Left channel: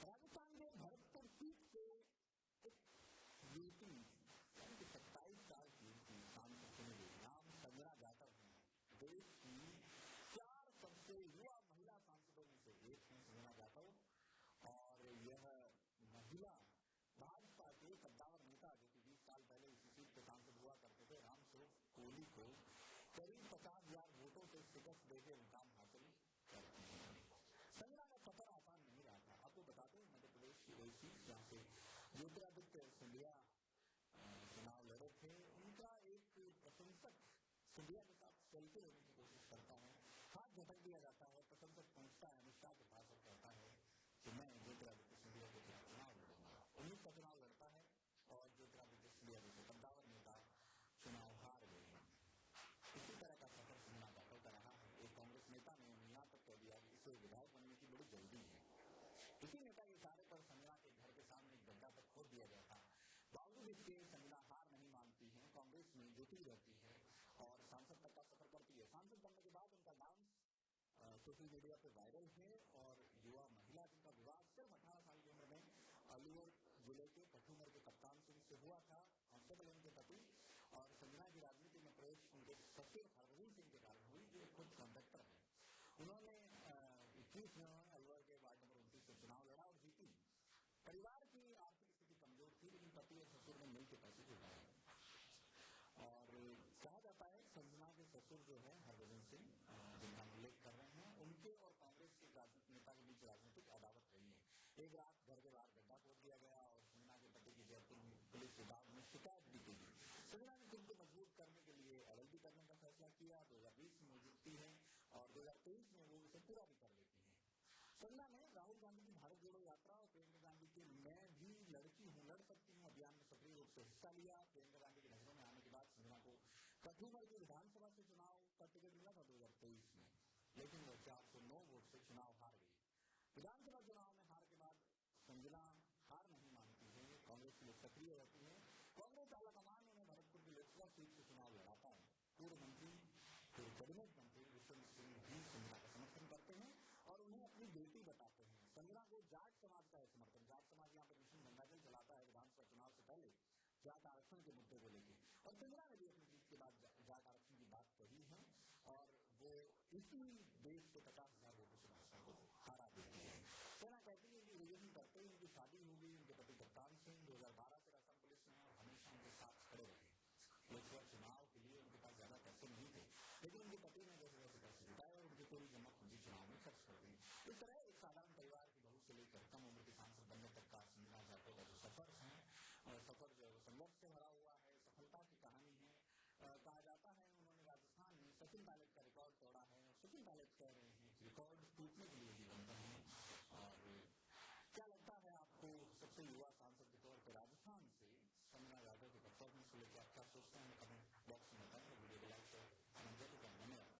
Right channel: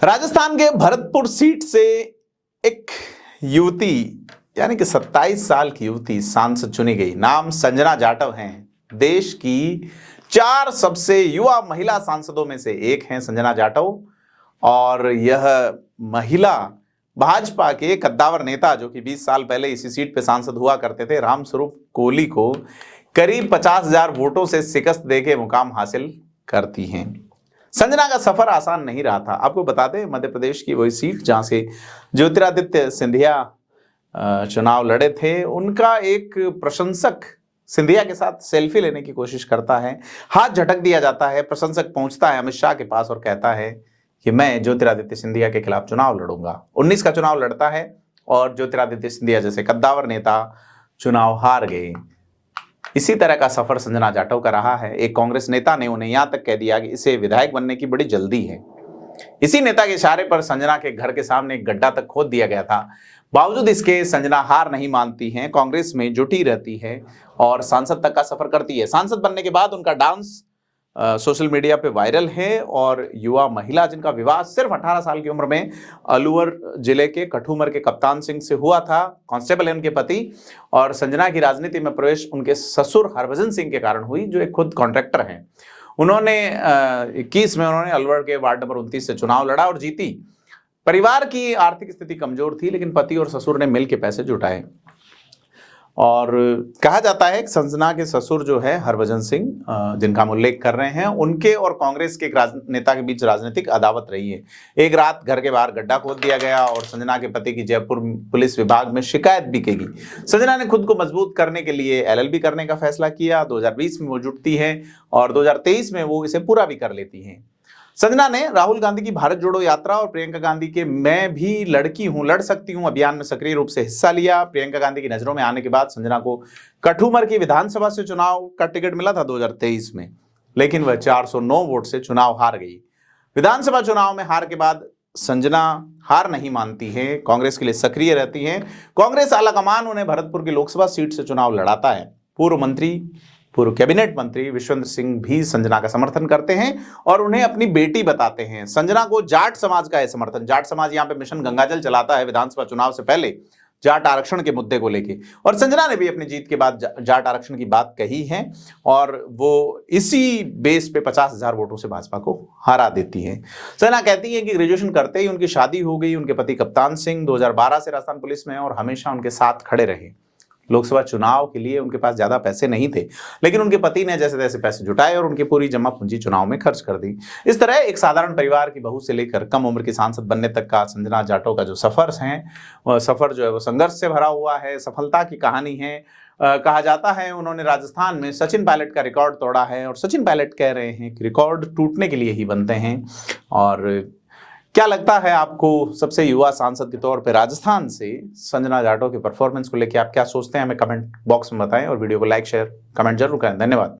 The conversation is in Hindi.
राजस्थान के भरतपुर सीट से एक युवती यानी कि 27 साल की युवती सांसद चुनी गई। नाम संजना जाटव हैं। देश की 4 सबसे युवा महिला सांसदों में से एक हैं संजना जाटव। और यह महिला भाजपा के कद्दावर नेता जो कि 20 साल पहले इसी सीट पे सांसद हुआ करते थे, रामस्वरूप कोहली को करीब 50,000 वोटों से शिकस्त देके मुकाम हासिल करती हैं। संजना का सफर आसान नहीं रहा था। आपको बता दें, मध्य प्रदेश की वही सीट जहां से ज्योतिरादित्य सिंधिया चुनाव लड़े थे, उनका एक प्रशंसक सिंधिया के साथ सेल्फी लेने की कोशिश करता है, हाथ झटक दिया जाता है। प्रशंसक पहुंचता है अमित शाह के पास और कहता है कि मैं ज्योतिरादित्य सिंधिया के खिलाफ चुनाव लड़ूंगा। 19 का चुनाव लड़ता है और ज्योतिरादित्य सिंधिया जैसे कद्दावर नेता चुनाव हार गए। इसी तरह का सफर संजना जाटव का रहा है। एक कांग्रेस नेता ने उन्हें यहां तक कह दिया कि इसे विधायक बनने की बड़ी जल्दी है। इसी नेता के इशारे पर संजना के घर के सामने एक गड्ढा तक खोद दिया गया था। बावजूद इसके संजना हार नहीं मानती हैं, कांग्रेस में जुटी रहती है और सांसद तक का सफर करती है। सांसद बनने के बाद उनका डांस सोशल मीडिया पे वायरल है और युवा महिला जिनका विवाह सिर्फ 18 साल की उम्र में अलवर जिले के कठूमर के कप्तान सिंह से हुआ था, कांस्टेबल है उनके पति, और संजना की राजनीति में प्रवेश उनके ससुर हरभजन सिंह के कारण हुई जो एक खुद कॉन्ट्रैक्टर हैं। उन्होंने 21 में उन्होंने अलवर के वार्ड नंबर 29 से चुनाव लड़ा और जीती। परिवार की आर्थिक स्थिति कमजोर थी, लेकिन पति और ससुर ने मिलकर पैसे जुटाए। और कहा जाता है कि संजना के ससुर जो है हरभजन सिंह, जिनका हम उल्लेख कर रहे हैं, उनके और कांग्रेस के एक नेता के बीच राजनीतिक अदावत रही है। एक रात घर के बाहर गड्ढा खोद दिया गया और संजना के पति की जयपुर पुलिस विभाग में शिकायत भी की गई। संजना ने खुद को मजबूत करने के लिए LLB करने का फैसला किया। 2020 में वो जुटती है और 2023 में वो इसे पूरा भी कर लेती है। संजना ने राहुल गांधी की भारत जोड़ो यात्रा और प्रियंका गांधी के मैं भी लड़की हूं, लड़ सकती हूं अभियान में सक्रिय रूप से हिस्सा लिया। प्रियंका गांधी की नजरों में आने के बाद संजना को कठूमर की विधानसभा से चुनाव का टिकट मिला था 2023 में, लेकिन वह 409 वोट से चुनाव हार गई। विधानसभा चुनाव में हार के बाद संजना हार नहीं मानती है, कांग्रेस के लिए सक्रिय रहती है। कांग्रेस आलाकमान उन्हें भरतपुर की लोकसभा सीट से चुनाव लड़ाता है। पूर्व कैबिनेट मंत्री विश्वेंद्र सिंह भी संजना का समर्थन करते हैं और उन्हें अपनी बेटी बताते हैं। संजना को जाट समाज का है समर्थन। जाट समाज यहां पे मिशन गंगाजल चलाता है विधानसभा चुनाव से पहले जाट आरक्षण के मुद्दे को लेके, और संजना ने भी अपनी जीत के बाद जाट आरक्षण की बात कही है और वो इसी बेस पे 50,000 वोटों से भाजपा को हरा देती है। संजना कहती है कि ग्रेजुएशन करते ही उनकी शादी हो गई। उनके पति कप्तान सिंह 2012 से राजस्थान पुलिस में और हमेशा उनके साथ खड़े रहे। लोकसभा चुनाव के लिए उनके पास ज्यादा पैसे नहीं थे, लेकिन उनके पति ने जैसे तैसे पैसे जुटाए और उनकी पूरी जमा पूंजी चुनाव में खर्च कर दी। इस तरह एक साधारण परिवार की बहू से लेकर कम उम्र की सांसद बनने तक का संजना जाटव का जो सफर है, वह सफर जो है वो संघर्ष से भरा हुआ है, सफलता की कहानी है। कहा जाता है उन्होंने राजस्थान में सचिन पायलट का रिकॉर्ड तोड़ा है और सचिन पायलट कह रहे हैं कि रिकॉर्ड टूटने के लिए ही बनते हैं। और क्या लगता है आपको, सबसे युवा सांसद के तौर पे राजस्थान से संजना जाटव के परफॉर्मेंस को लेकर आप क्या सोचते हैं? हमें कमेंट बॉक्स में बताएं और वीडियो को लाइक शेयर कमेंट जरूर करें। धन्यवाद।